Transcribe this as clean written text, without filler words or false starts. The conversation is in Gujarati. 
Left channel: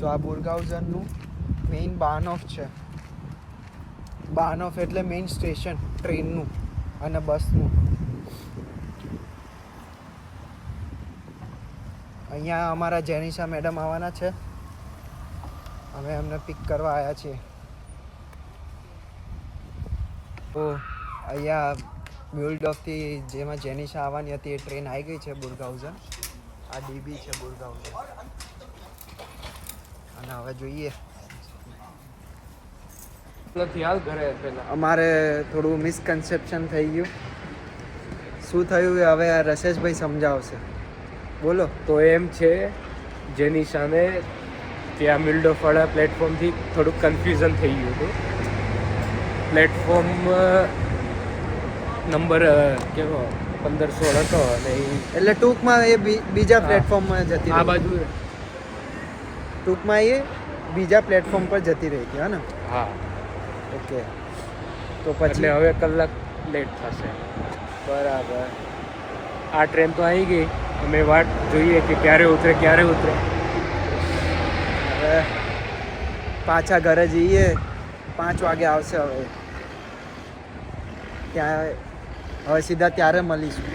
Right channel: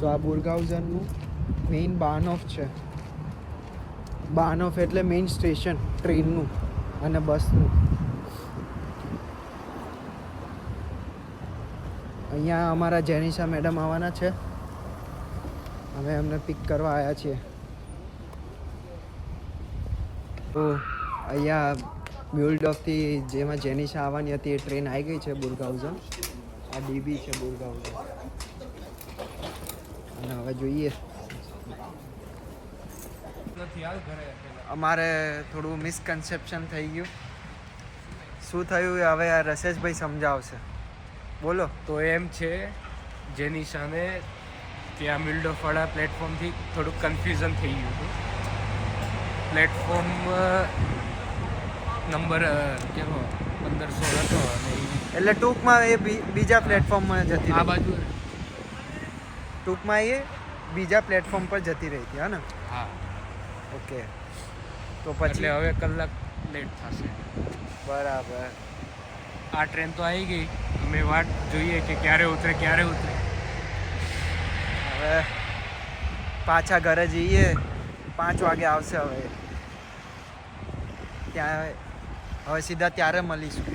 સો આ બુરગાઉઝનનું મેઇન બાનોફ છે. બાનોફ એટલે મેઇન સ્ટેશન ટ્રેનનું અને બસનું. અહીંયા અમારા જેનિશા મેડમ આવવાના છે. અમે એમને પિક કરવા આવ્યા છીએ. તો અહીંયા બિલ્ડઅપથી જેમાં જેનિશા આવવાની હતી એ ટ્રેન આવી ગઈ છે બુરગાઉઝન. આ ડીબી છે બુરગાઉઝન. અને હવે જોઈએ. અમારે થોડું મિસકન્સેપ્શન થઈ ગયું. શું થયું એ હવે રસેશભાઈ સમજાવશે. બોલો. તો એમ છે જેનિશાને ત્યાં મિલ્ડોફવાળા પ્લેટફોર્મથી થોડુંક કન્ફ્યુઝન થઈ ગયું હતું. પ્લેટફોર્મ નંબર કેવો 15-16 હતો અને એટલે ટૂંકમાં એ બીજા પ્લેટફોર્મમાં જતી આ રહી. બાજુ ટૂંકમાં એ બીજા પ્લેટફોર્મ પર જતી રહી હતી. હા ને? હા. ઓકે. તો એટલે પછી હવે કલાક લેટ થશે. બરાબર. આ ટ્રેન તો આવી ગઈ. અમે વાટ જોઈએ કે ક્યારે ઉતરે. હવે પાછા ઘરે જઈએ. 5 વાગે આવશે હવે. ત્યાં હવે સીધા ત્યારે મળીશું.